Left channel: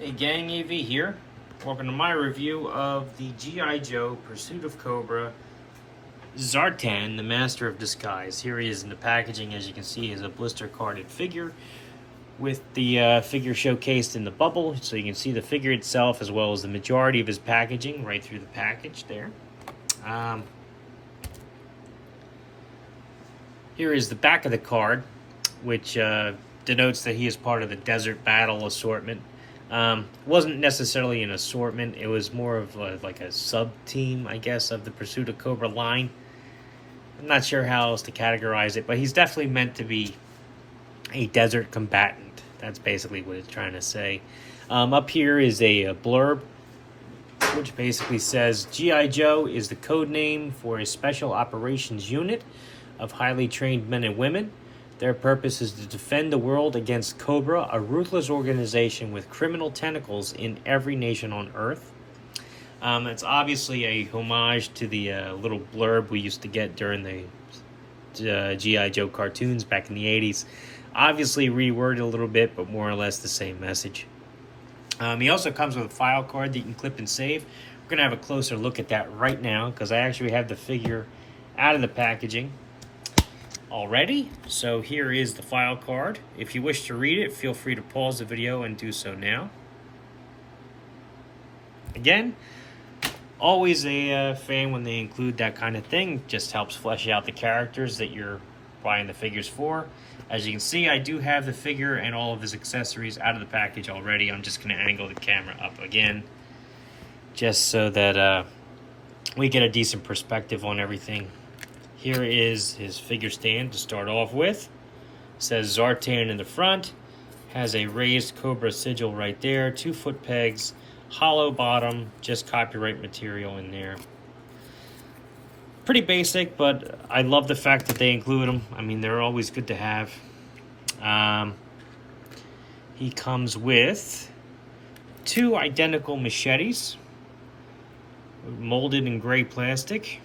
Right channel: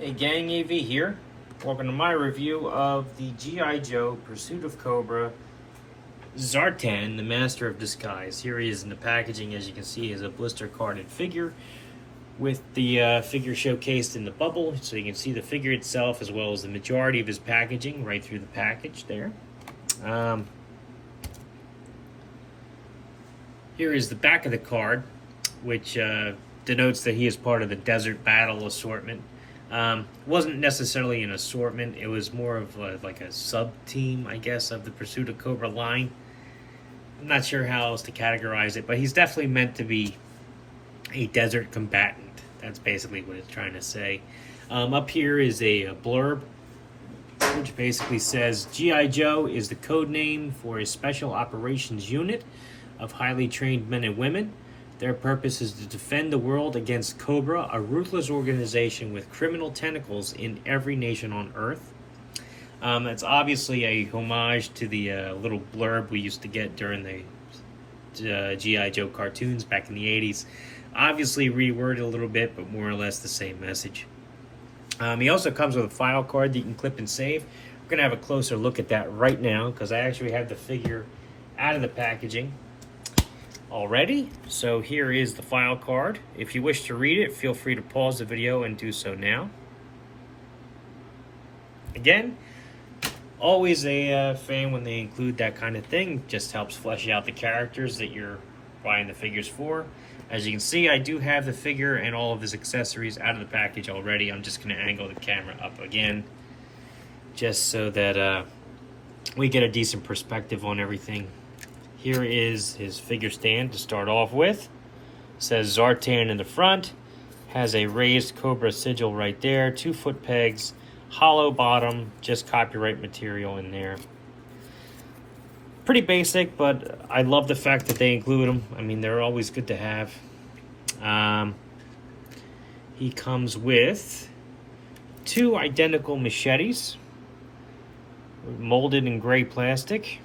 Hey gang, AV here. Welcome to my review of the G.I. Joe Pursuit of Cobra Zartan, the Master of Disguise. Here he is in the packaging. As you can see, is a blister carded figure with the figure showcased in the bubble, so you can see the figure itself as well as the majority of his packaging right through the package there. Here is the back of the card, which denotes that he is part of the Desert Battle assortment. Wasn't necessarily an assortment, it was more of like a sub-team, I guess, of the Pursuit of Cobra line. I'm not sure how else to categorize it, but he's definitely meant to be a desert combatant. That's basically what it's trying to say. Up here is a blurb, which basically says, G.I. Joe is the code name for a special operations unit of highly trained men and women. Their purpose is to defend the world against Cobra, a ruthless organization with criminal tentacles in every nation on Earth. It's obviously a homage to the little blurb we used to get during the G.I. Joe cartoons back in the 80s. Obviously reworded a little bit, but more or less the same message. He also comes with a file card that you can clip and save. We're going to have a closer look at that right now because I actually have the figure out of the packaging already. So here is the file card. If you wish to read it, feel free to pause the video and do so now. Again, always a fan when they include that kind of thing. Just helps flesh out the characters that you're buying the figures for. As you can see, I do have the figure and all of his accessories out of the package already. I'm just going to angle the camera up again just so that we get a decent perspective on everything. Here is his figure stand to start off with. It says Zartan in the front. Has a raised Cobra sigil right there. 2-foot pegs. Hollow bottom. Just copyright material in there. Pretty basic, but I love the fact that they include them. I mean, they're always good to have. He comes with 2 identical machetes. Molded in gray plastic.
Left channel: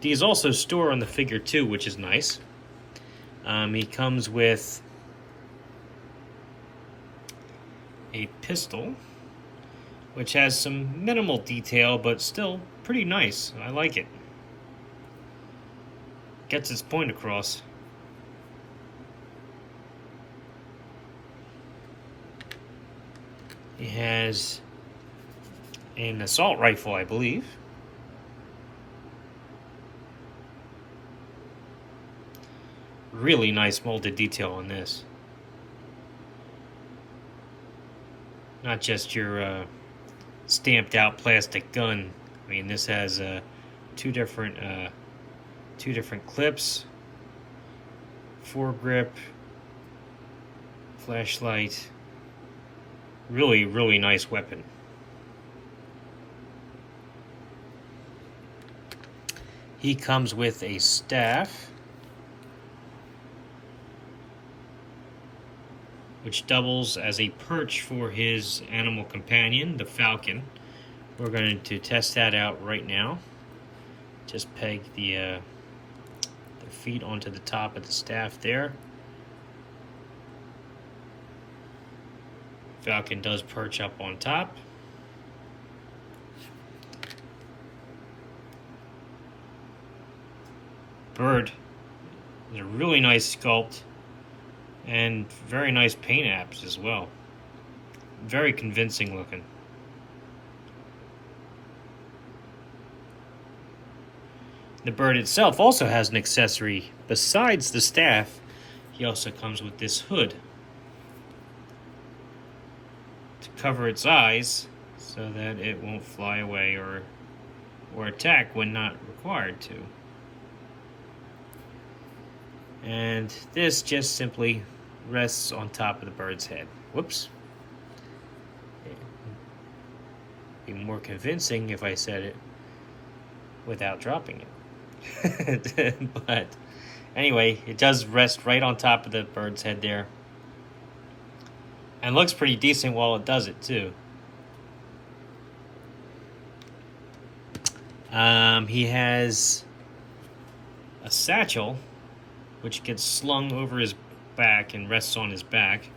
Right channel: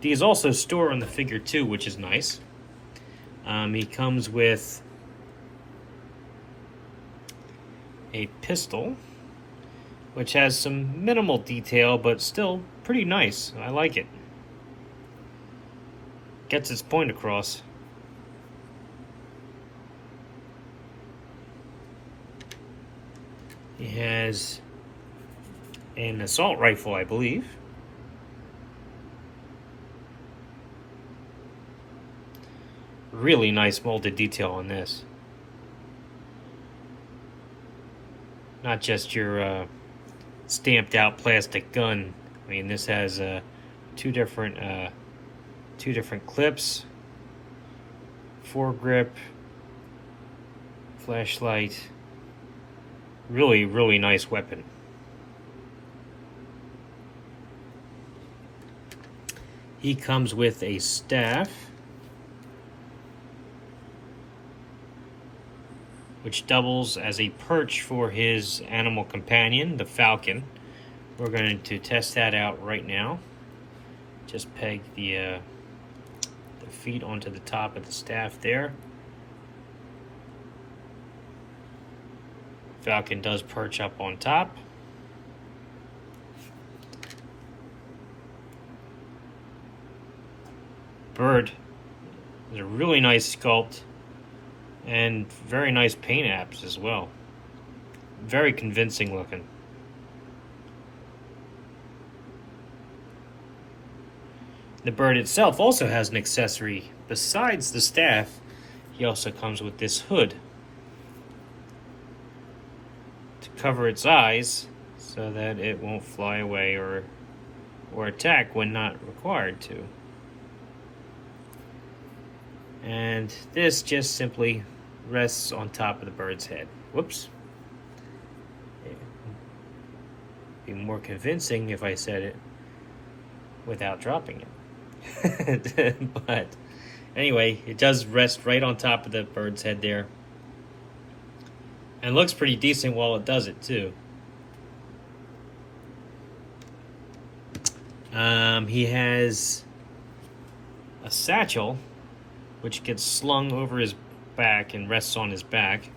These also store on the figure too, which is nice. He comes with a pistol, which has some minimal detail, but still pretty nice. I like it. Gets its point across. He has an assault rifle, I believe. Really nice molded detail on this. Not just your stamped out plastic gun. I mean, this has two different clips, foregrip, flashlight. Really, really nice weapon. He comes with a staff, which doubles as a perch for his animal companion, the falcon. We're going to test that out right now. Just peg the feet onto the top of the staff there. Falcon does perch up on top. Bird is a really nice sculpt. And very nice paint apps as well. Very convincing looking. The bird itself also has an accessory. Besides the staff, he also comes with this hood to cover its eyes so that it won't fly away or attack when not required to. And this just simply rests on top of the bird's head. Whoops. It'd be more convincing if I said it without dropping it. But anyway, it does rest right on top of the bird's head there. And looks pretty decent while it does it too. He has a satchel which gets slung over his back and rests on his back.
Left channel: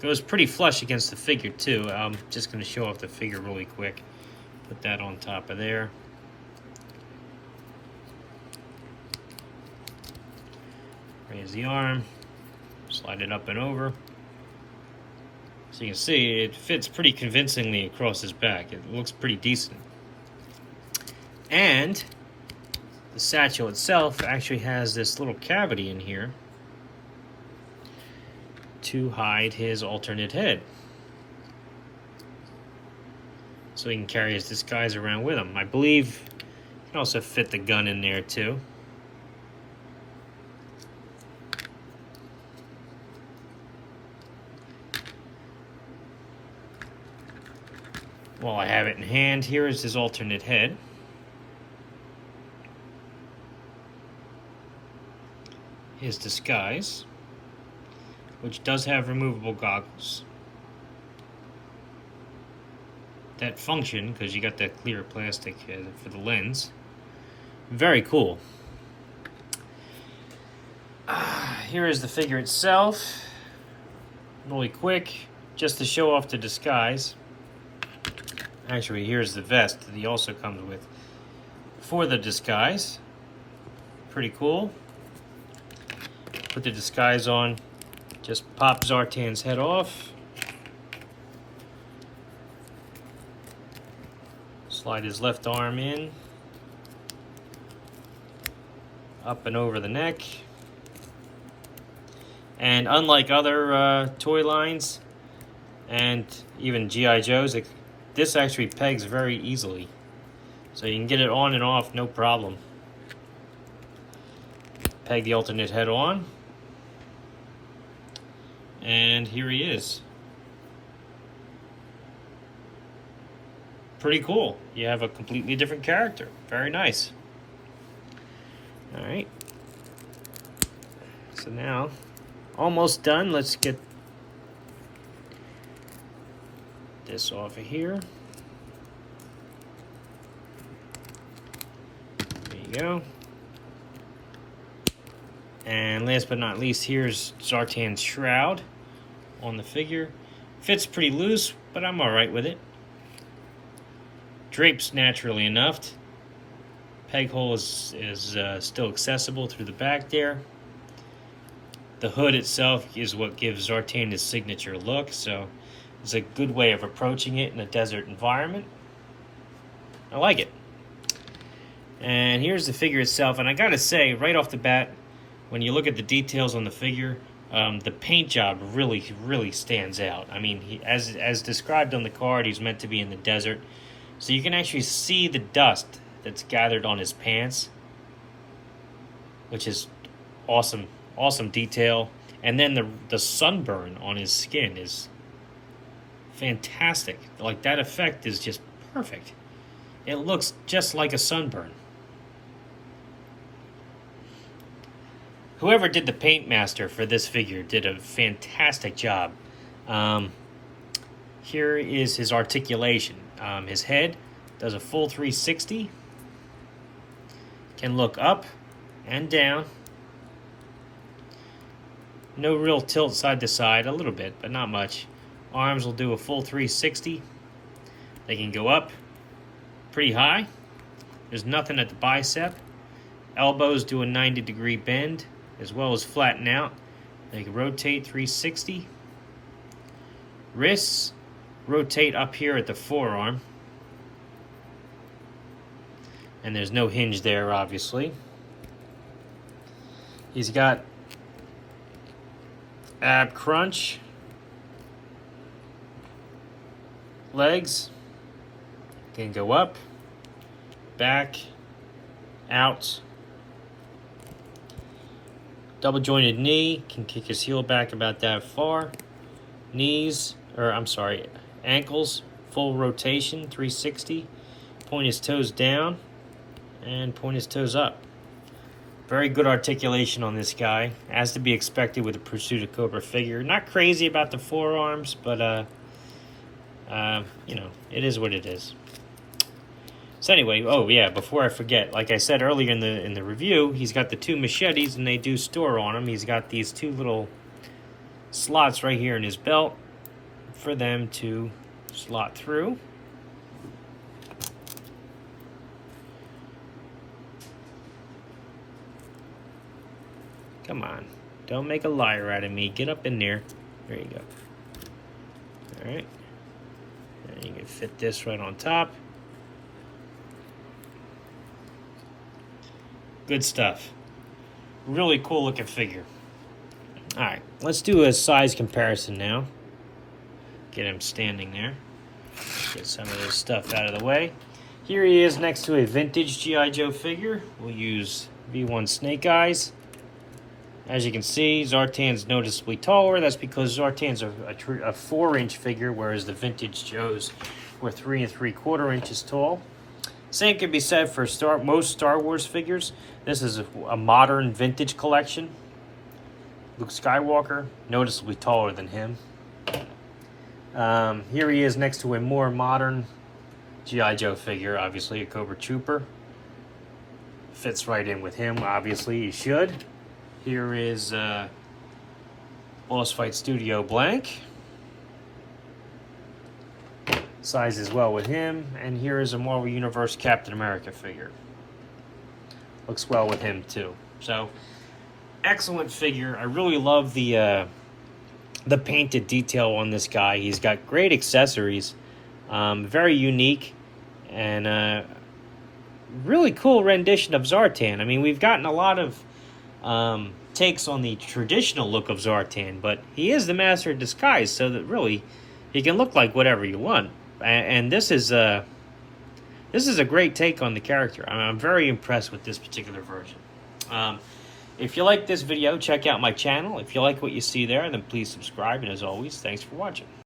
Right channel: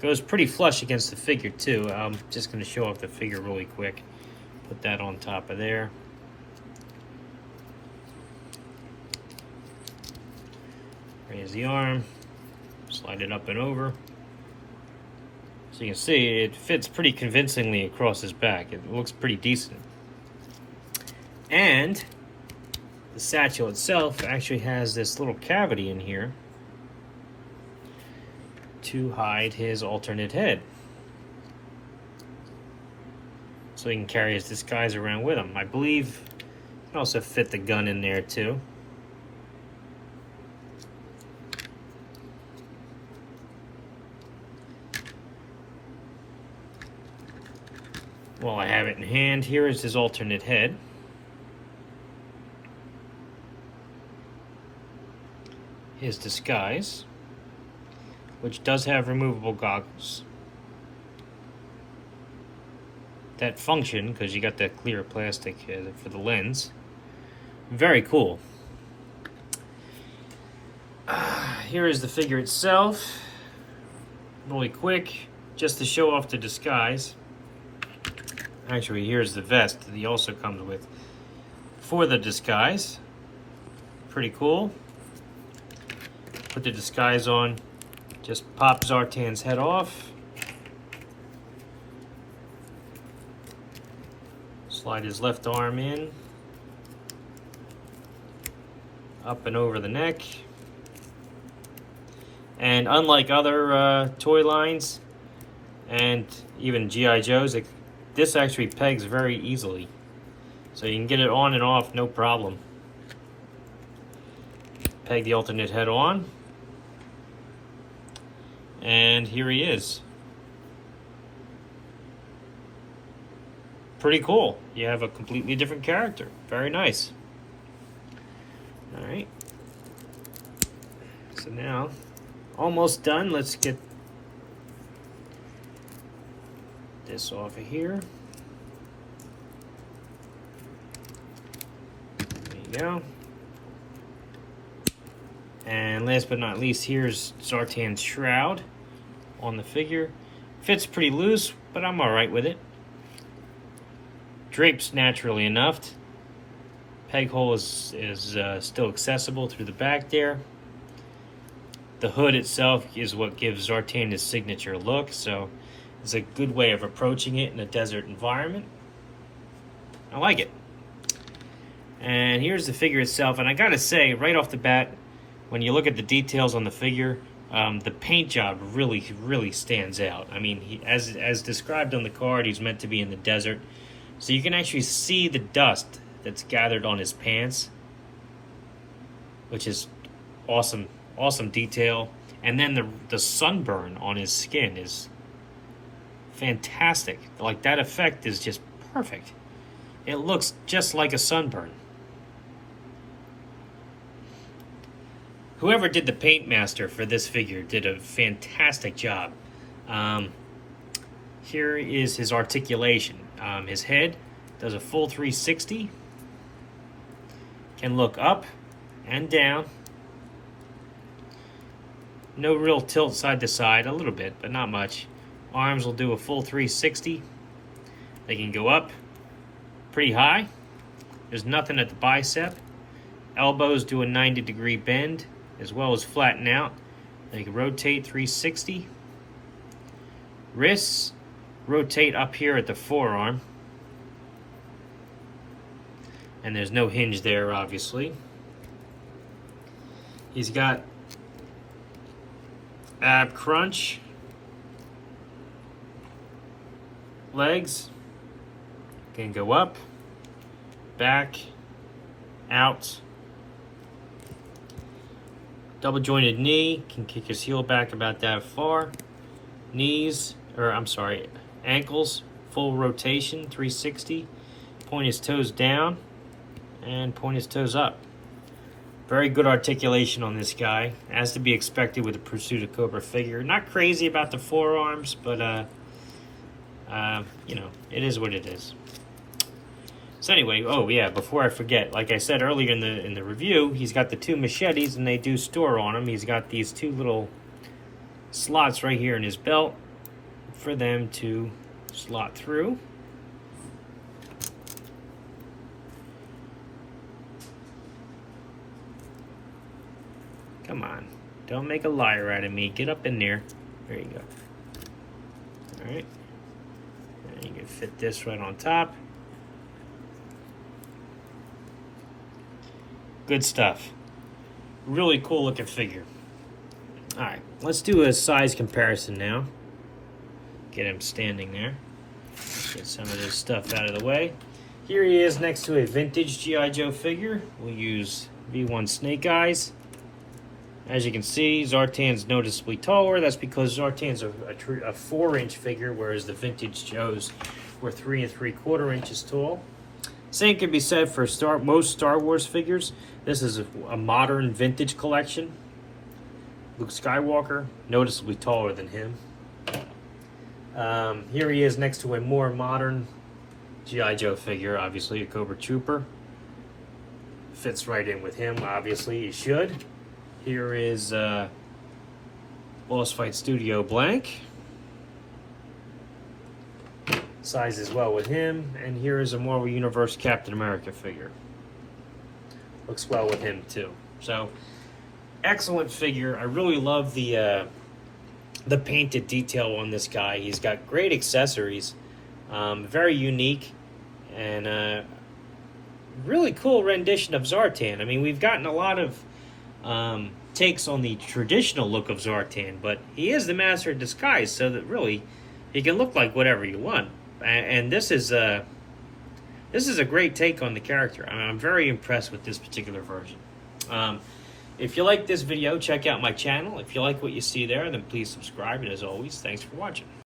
Goes pretty flush against the figure too. I'm just going to show off the figure really quick. Put that on top of there. Raise the arm. Slide it up and over. So you can see it fits pretty convincingly across his back. It looks pretty decent. And the satchel itself actually has this little cavity in here to hide his alternate head. So he can carry his disguise around with him. I believe you can also fit the gun in there too. While I have it in hand, here is his alternate head. His disguise, which does have removable goggles that function because you got that clear plastic for the lens. Very cool. Here is the figure itself. Really quick, just to show off the disguise. Actually, here's the vest that he also comes with for the disguise. Pretty cool. Put the disguise on. Just pop Zartan's head off. Slide his left arm in. Up and over the neck. And unlike other toy lines and even G.I. Joe's, this actually pegs very easily. So you can get it on and off, no problem. Peg the alternate head on. And here he is. Pretty cool. You have a completely different character. Very nice. Alright. So now, almost done. Let's get this off of here. There you go. And last but not least, here's Zartan's shroud on the figure. Fits pretty loose, but I'm alright with it. Drapes naturally enough. Peg hole is still accessible through the back there. The hood itself is what gives Zartan his signature look, so it's a good way of approaching it in a desert environment. I like it. And here's the figure itself, and I gotta say, right off the bat, when you look at the details on the figure, the paint job really stands out. I mean, as described on the card, he's meant to be in the desert, so you can actually see the dust that's gathered on his pants, which is awesome detail. And then the sunburn on his skin is fantastic. Like, that effect is just perfect. It looks just like a sunburn. Whoever did the paint master for this figure did a fantastic job. Here is his articulation. His head does a full 360. Can look up and down. No real tilt side to side, a little bit, but not much. Arms will do a full 360. They can go up pretty high. There's nothing at the bicep. Elbows do a 90-degree bend, as well as flatten out. They can rotate 360. Wrists rotate up here at the forearm. And there's no hinge there, obviously. He's got ab crunch. Legs can go up, back, out. Double jointed knee, can kick his heel back about that far. Ankles, full rotation, 360. Point his toes down and point his toes up. Very good articulation on this guy, as to be expected with a Pursuit of Cobra figure. Not crazy about the forearms, but you know, it is what it is. So anyway, oh yeah, before I forget, like I said earlier in the review, he's got the 2 machetes, and they do store on him. He's got these 2 little slots right here in his belt for them to slot through. Come on, don't make a liar out of me. Get up in there. There you go. All right, and you can fit this right on top. Good stuff. Really cool looking figure. All right, let's do a size comparison now. Get him standing there. Get some of this stuff out of the way. Here he is next to a vintage G.I. Joe figure. We'll use V1 Snake Eyes. As you can see, Zartan's noticeably taller. That's because Zartan's a 4-inch figure, whereas the vintage Joes were 3 3/4 inches tall. Same can be said for most Star Wars figures. This is a modern vintage collection. Luke Skywalker, noticeably taller than him. Here he is next to a more modern G.I. Joe figure, obviously a Cobra Trooper. Fits right in with him, obviously he should. Here is Boss Fight Studio Blank. Sizes well with him. And here is a Marvel Universe Captain America figure. Looks well with him too. So, excellent figure. I really love the painted detail on this guy. He's got great accessories, very unique, and really cool rendition of Zartan. I mean, we've gotten a lot of takes on the traditional look of Zartan, but he is the master of disguise, so that really he can look like whatever you want. And this is a great take on the character. I'm very impressed with this particular version. If you like this video, check out my channel. If you like what you see there, then please subscribe. And as always, thanks for watching.